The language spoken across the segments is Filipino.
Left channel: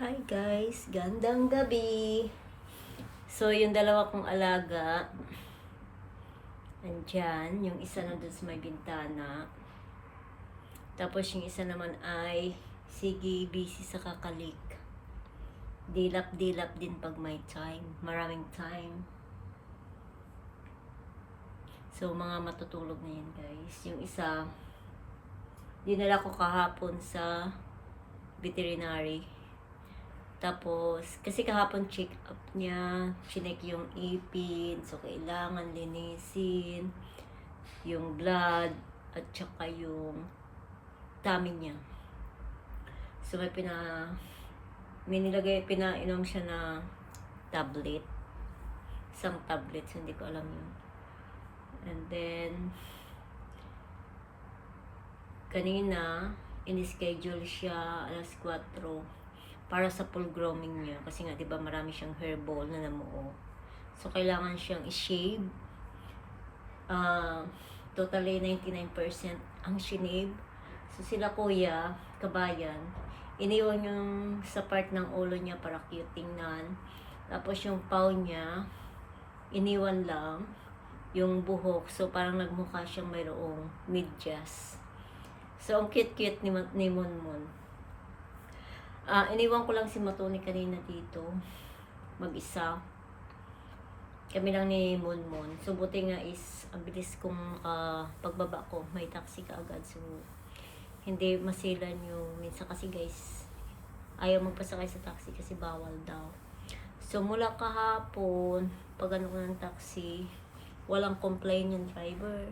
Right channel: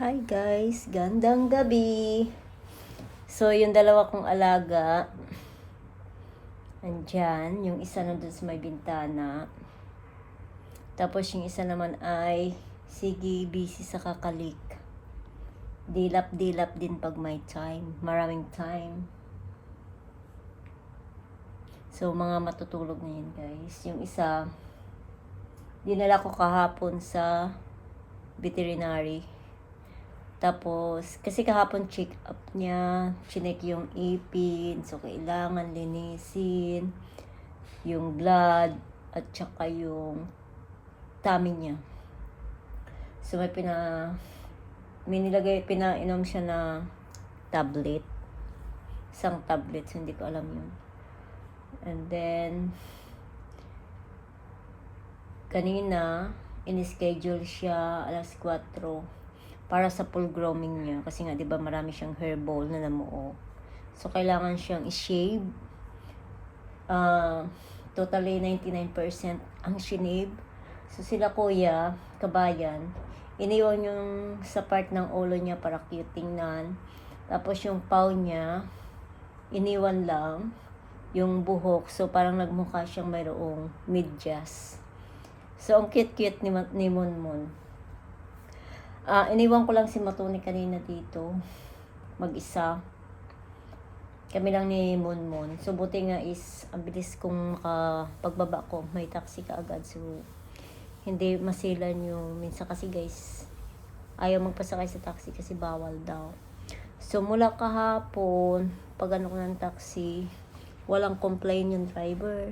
Hi guys, gandang gabi. So, yung dalawa kong alaga, andyan, yung isa nandun sa may bintana. Tapos yung isa naman ay, sige, busy sa kakalik. Dilap-dilap din pag may time, maraming time. So, mga matutulog na yun guys. Yung isa, dinala ko kahapon sa veterinary. Tapos, kasi kahapon check up niya, chinek yung ipin, so kailangan linisin, yung blood, at saka yung tummy niya. So, may pinainom siya na tablet. Isang tablet, so hindi ko alam yun. And then, kanina, in-schedule siya alas 4 para sa full grooming niya kasi nga 'di ba marami siyang hairball na namuo. So kailangan siyang i-shave. Totally 99% ang shinave. So sila kuya, kabayan, iniwan yung sa part ng ulo niya para cute tingnan. Tapos yung paw niya, iniwan lang yung buhok. So parang nagmukha siyang mayroong medyas. So ang cute-cute ni Monmon. Iniwan ko lang si Matuni kanina dito. Mag-isa. Kami lang ni Monmon. So, buti nga is, ang bilis kong pagbaba ko. May taxi ka agad. So, hindi masilan yung, minsan kasi guys, ayaw magpasakay sa taxi kasi bawal daw. So, mula kahapon, pag ano ko ng taxi, walang complain yung driver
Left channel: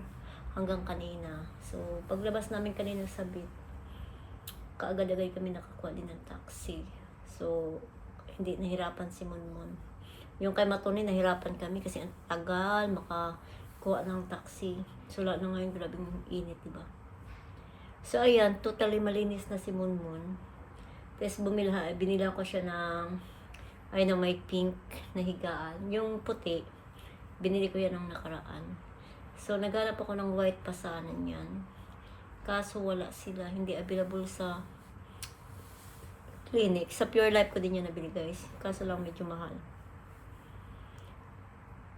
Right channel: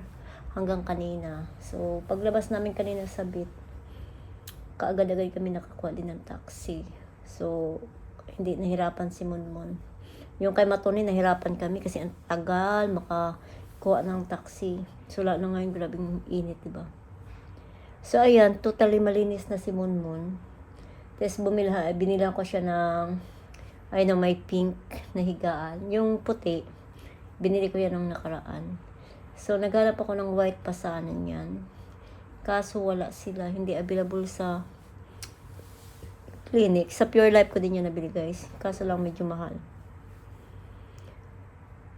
hanggang kanina. So, paglabas namin kanina sa bit, kaagad-agad kami nakakuha din ng taxi. So, hindi nahirapan si Monmon. Yung kay Matoni, nahirapan kami kasi ang tagal makakuha ng taxi. So, lalo na ngayon, grabing init, diba? So, ayan, totally malinis na si Monmon. Tapos, binila ko siya ng, may pink na higaan. Yung puti, binili ko yan ng nakaraan. So, naghanap ako ng white pasanan yan. Kaso wala sila, hindi available sa clinic. Sa Pure Life ko din yan nabili guys. Kaso lang medyo mahal.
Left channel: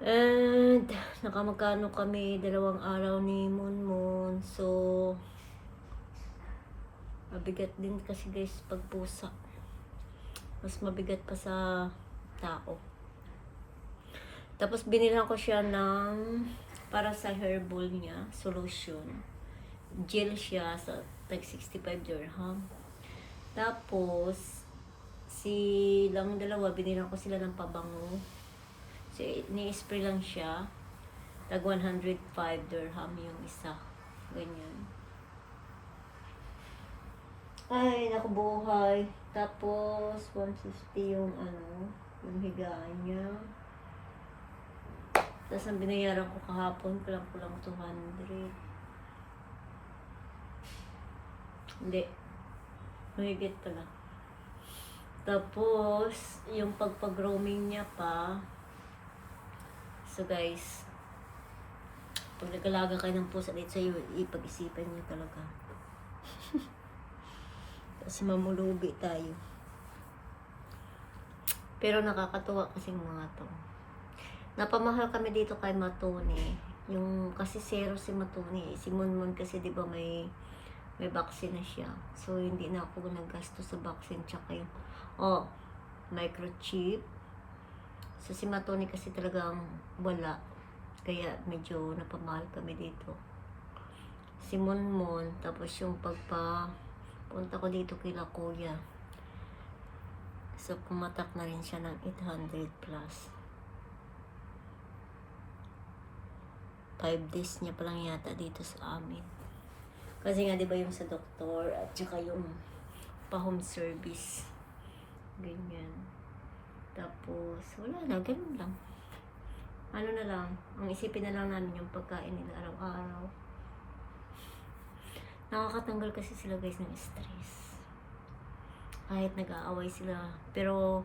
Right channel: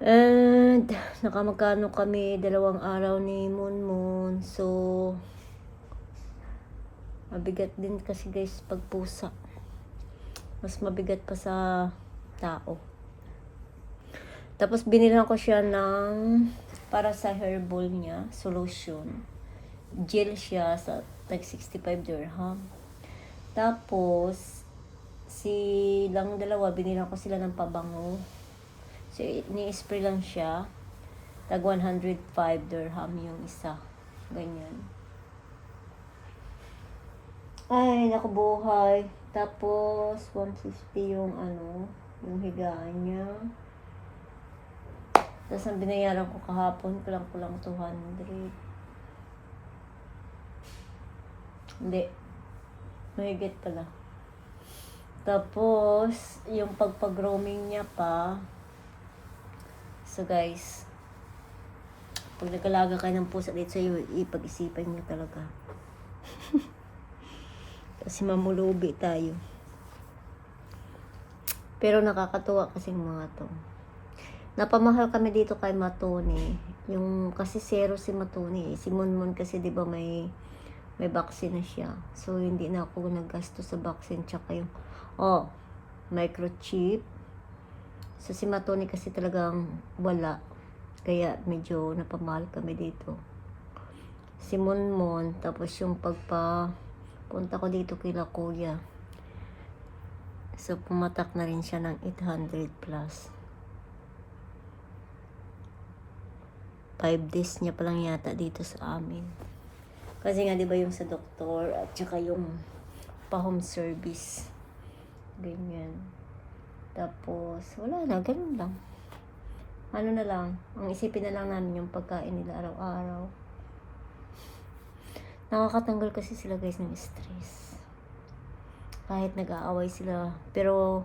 And nakamagkano kami 2 araw ni Monmon. So mabigat din kasi guys pag pusa. Mas mabigat pa sa tao. Tapos binilan ko siya ng para sa hairball niya, solution. Gel siya sa tag 65 dirham. Tapos, silang dalawa, binila ko sila ng pabango. So, ni-spray lang siya. Tag 105 dirham yung isa. Ganyan. Ay, naku buhay. Tapos, 150 yung yung higaan niya. Tapos, ang binayaran ko kahapon, kulang 200. Hindi. Mahigit pala. Tapos, yung pagpag-roaming niya pa. So guys, pag nagalaga kayo ng pusa dito sa'yo, ipag-isipan niyo talaga. Kasi mamulubi tayo. Pero nakakatuwa kasi mga to. Napamahal kami dito kay Matoni. Yung kasi zero si Matoni. Si Monmon kasi 'di ba may vaccine na siya. So, hindi na ako naggasto sa vaccine. Tsaka yung, microchip. So, si Matoni kasi talagang wala. Kaya, medyo napamahal kami dito. Si Monmon, tapos yung punta ko dito kila kuya. So, pumatak na rin siya ng 800 plus. 5 days niya palang yata dito sa amin. Kasi nga, di ba yung sa doktor at saka yung pa-home service. Ganyan. Tapos, wala na. Ganun lang. Ano na lang. Ang isipin na lang namin yung pagkain nila araw-araw. Nakakatanggal kasi sila guys ng stress. Kahit nag-aaway sila. Pero,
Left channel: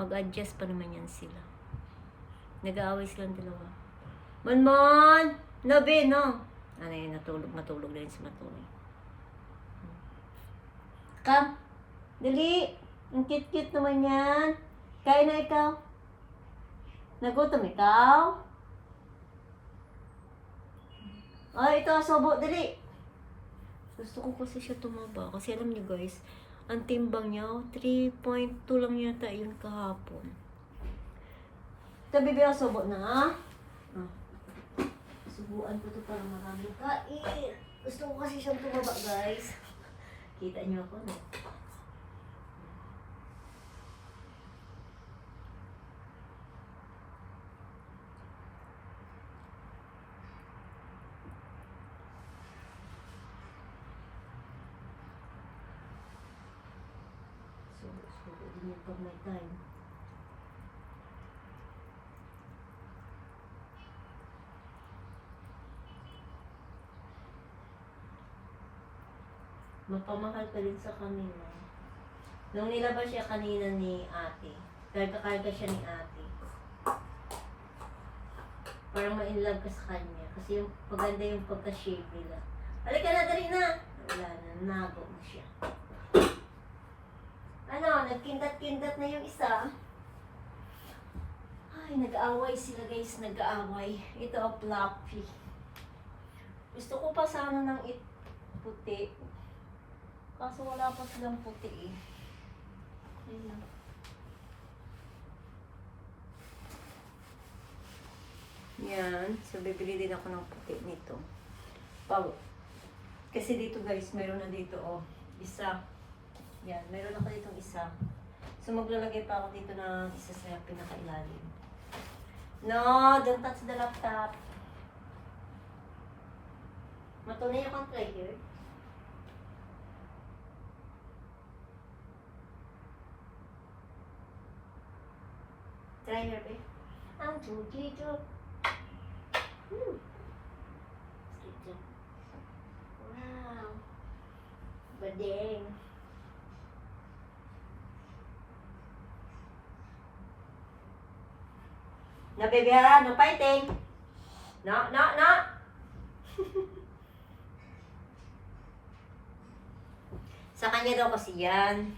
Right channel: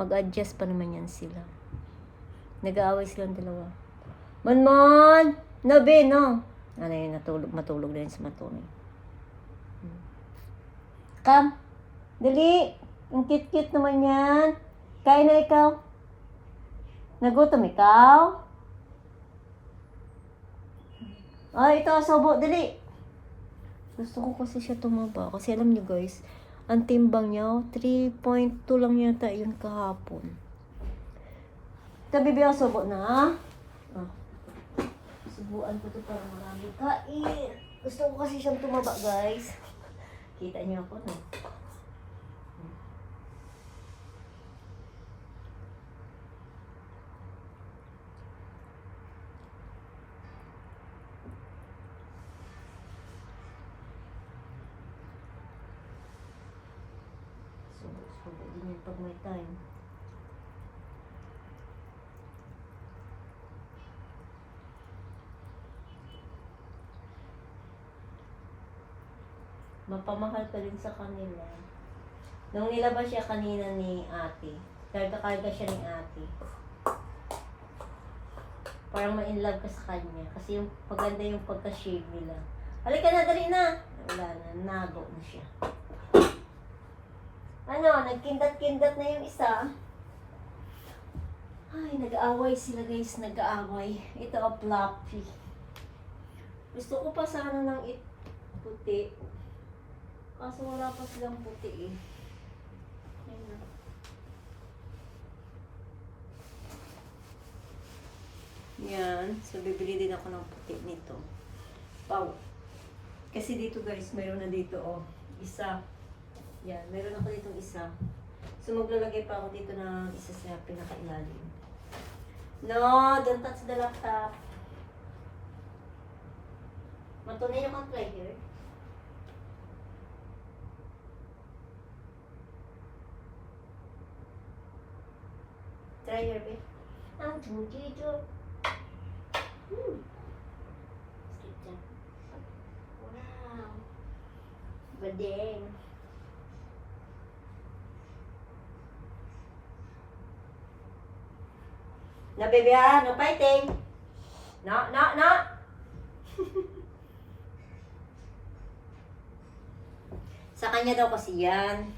mag-adjust pa naman yan sila. Nag-aaway silang dalawa. Monmon! No, be, no! Ano yun, matulog na yun si Matoni. Come! Dali! Ang cute-cute naman yan. Kain na ikaw. Nagutom ikaw? Ay, ito, sobo, dali. Gusto ko kasi siya tumaba. Kasi alam niyo guys, ang timbang niya, 3.2 lang yata yun kahapon. Ito, bibi ako sobo na. Ah. Subuan ko to para marami kain. Gusto ko kasi siyang tumaba guys. Kita niyo ako, no? Subo din yan pag may time. Mapamahal ka din sa kanila. Nung nilabas siya kanina ni ate, karga-karga siya ni ate. Parang ma-inlove ka sa kanya. Kasi yung paganda yung pagka-shave nila. Halika na, dali na! Wala na, nago na siya. Ano, nagkindat-kindat na yung isa. Ay, nag-aaway sila guys, nag-aaway. Ito ang fluffy. Gusto ko pa sana ng puti. Kaso wala pa silang puti eh. Ayun. Yan. So, bibili din ako ng puti nito. Pau. Kasi dito guys, mayroon na dito oh. Isa. Yan. Mayroon ako ditong isa. So, maglalagay pa ako dito ng isa sa pinakailalim. No, don't touch the laptop. Matunay yung mag-play here. Try your best. Ah, dito. Wow. Badeng. No, baby, ha? No fighting. No, no, no. Sa kanya daw kasi yan.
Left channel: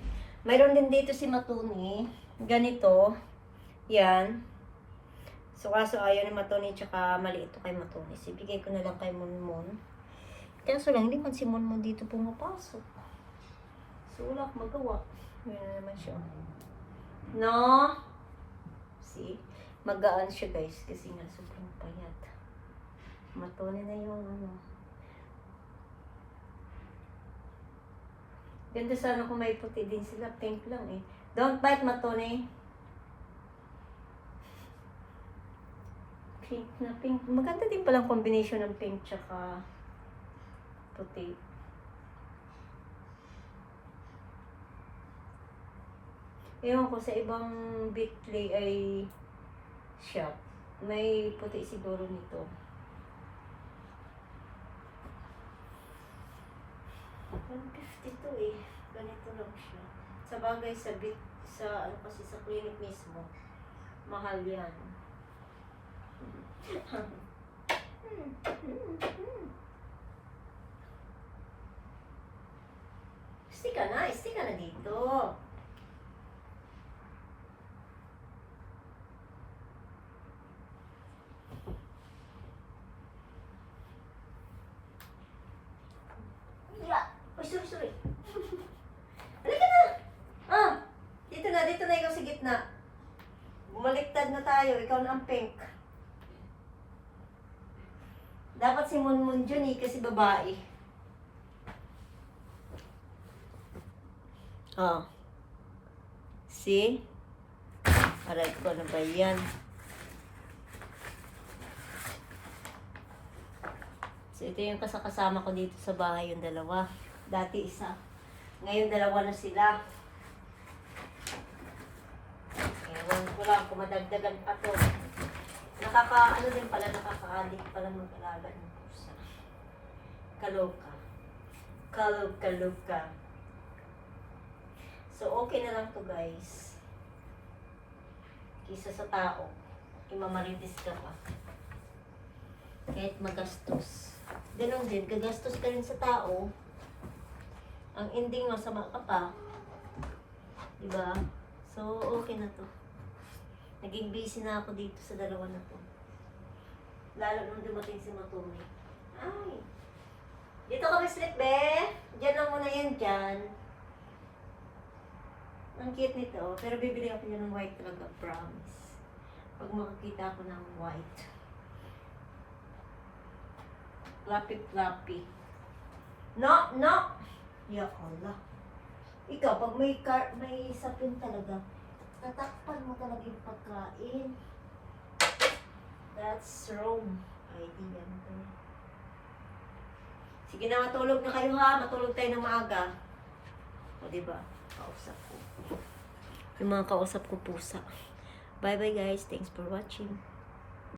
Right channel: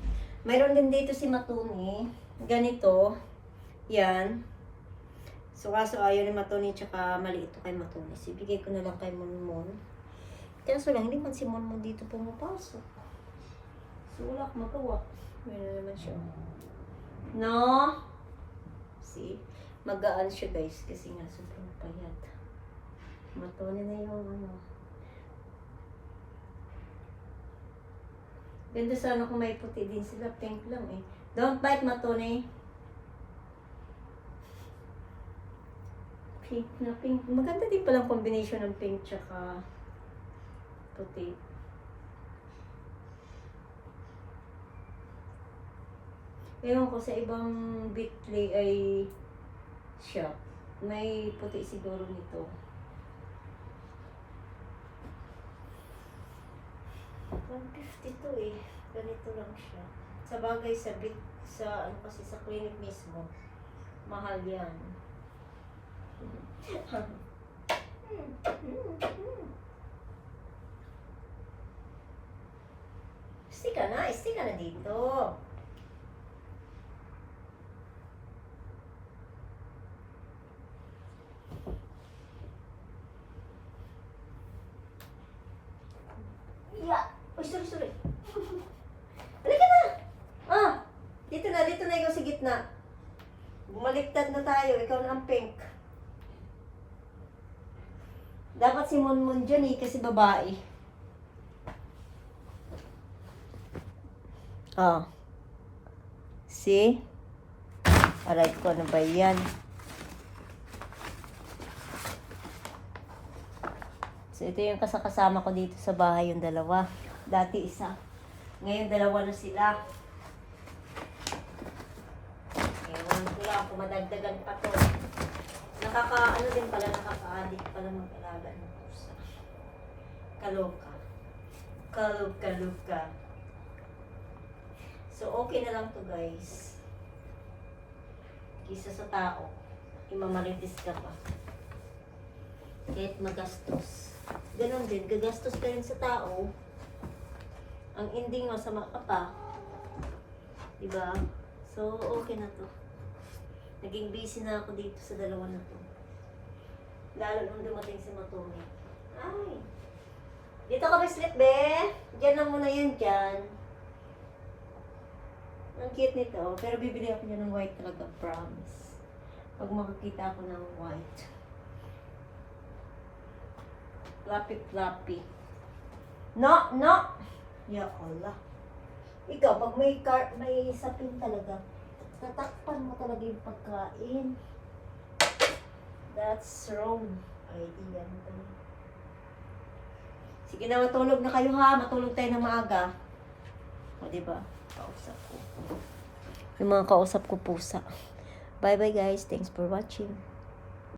Mayroon din dito si Matuni. Ganito. Yan. So, kaso ayaw ni Matuni tsaka maliit ito kay Matuni. Ibigay ko na lang kay Monmon. Kaso lang, hindi man si Monmon dito pumapasok. So, wala akong magawa. Yan na naman siya. No? See? Magaan siya guys kasi nga sobrang payat. Matuni na yung ano. Ganda sana kung may puti din sila. Pink lang eh. Don't bite, Matuni. Pink na pink. Maganda din palang combination ng pink tsaka puti. Ewan ko sa ibang Bitly ay shop. May puti siguro nito. $152 eh. Ganito lang siya. Sa bagay sa ano kasi sa clinic mismo. Mahal yan. Stay ka na dito. Yeah. Uy, sorry. Halika na! Ah! Dito na ikaw sa gitna. Bumaliktad na tayo, ikaw na ang pink. Dapat si Monmon dyan eh, kasi babae. Ah. See? Aray ko, ano ba yan? So, ito yung kasama ko dito sa bahay, yung dalawa. Dati isa. Ngayon, dalawa na sila. Ewan ko lang kung madagdagan pa to. Ano din pala, nakaka-addict pala mag-alaga ng pusa. Kaloka. Kaloka. So, okay na lang to guys. Kisa sa tao, imamaritis ka pa. Kahit magastos. Ganon din, gagastos ka rin sa tao. Ang ending, masama ka pa. Diba? So, okay na to. Naging busy na ako dito sa dalawa na to. Lalo nung dumating si Matumi. Ay! Dito ka ba sleep, be? Diyan lang muna yan dyan. Ang cute nito. Pero bibili ako niya ng white talaga, promise. Pag makakita ako ng white. Fluffy. No! Ya Allah. Ikaw, pag may sapin talaga, tatakpan mo talaga yung pagkain. That's wrong idea mo. Sige na, matulog na kayo ha. Matulog tayo ng maaga. O, diba? Kausap ko. Yung mga kausap ko pusa. Bye-bye guys. Thanks for watching.